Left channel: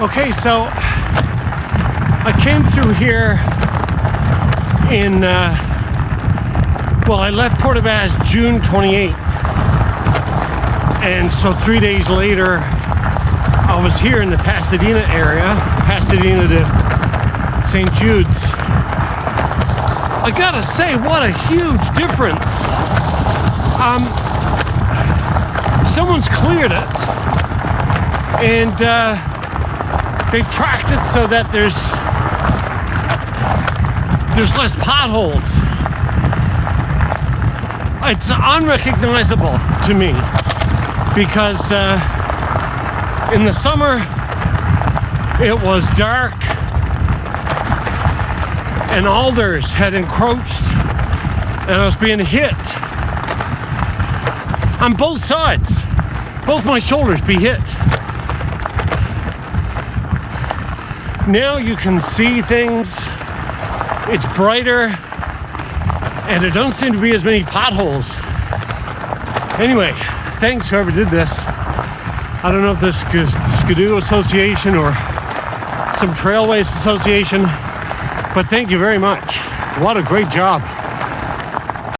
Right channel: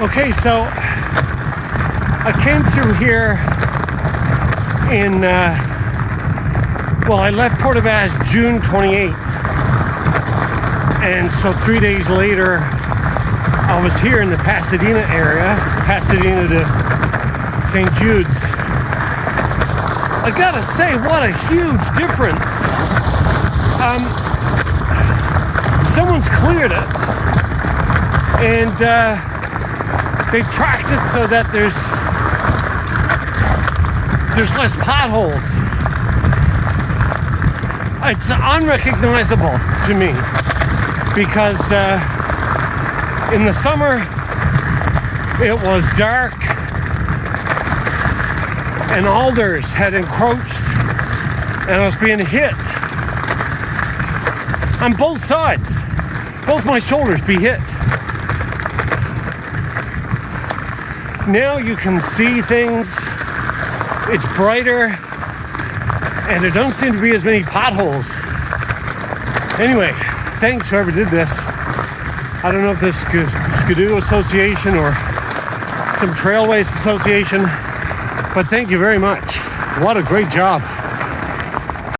Okay, so I came through here in, I left Port Vaz June 28th. And so 3 days later, I was here in the Pasadena area, Pasadena to St. Jude's. I gotta say, what a huge difference. Someone's cleared it, and they've tracked it so that there's less potholes. It's unrecognizable to me because in the summer it was dark and alders had encroached and I was being hit on both sides. Both my shoulders be hit. Now you can see things. It's brighter and there don't seem to be as many potholes. Anyway, thanks whoever did this. I don't know if this is Skidoo Association or some Trailways Association, but thank you very much. What a great job.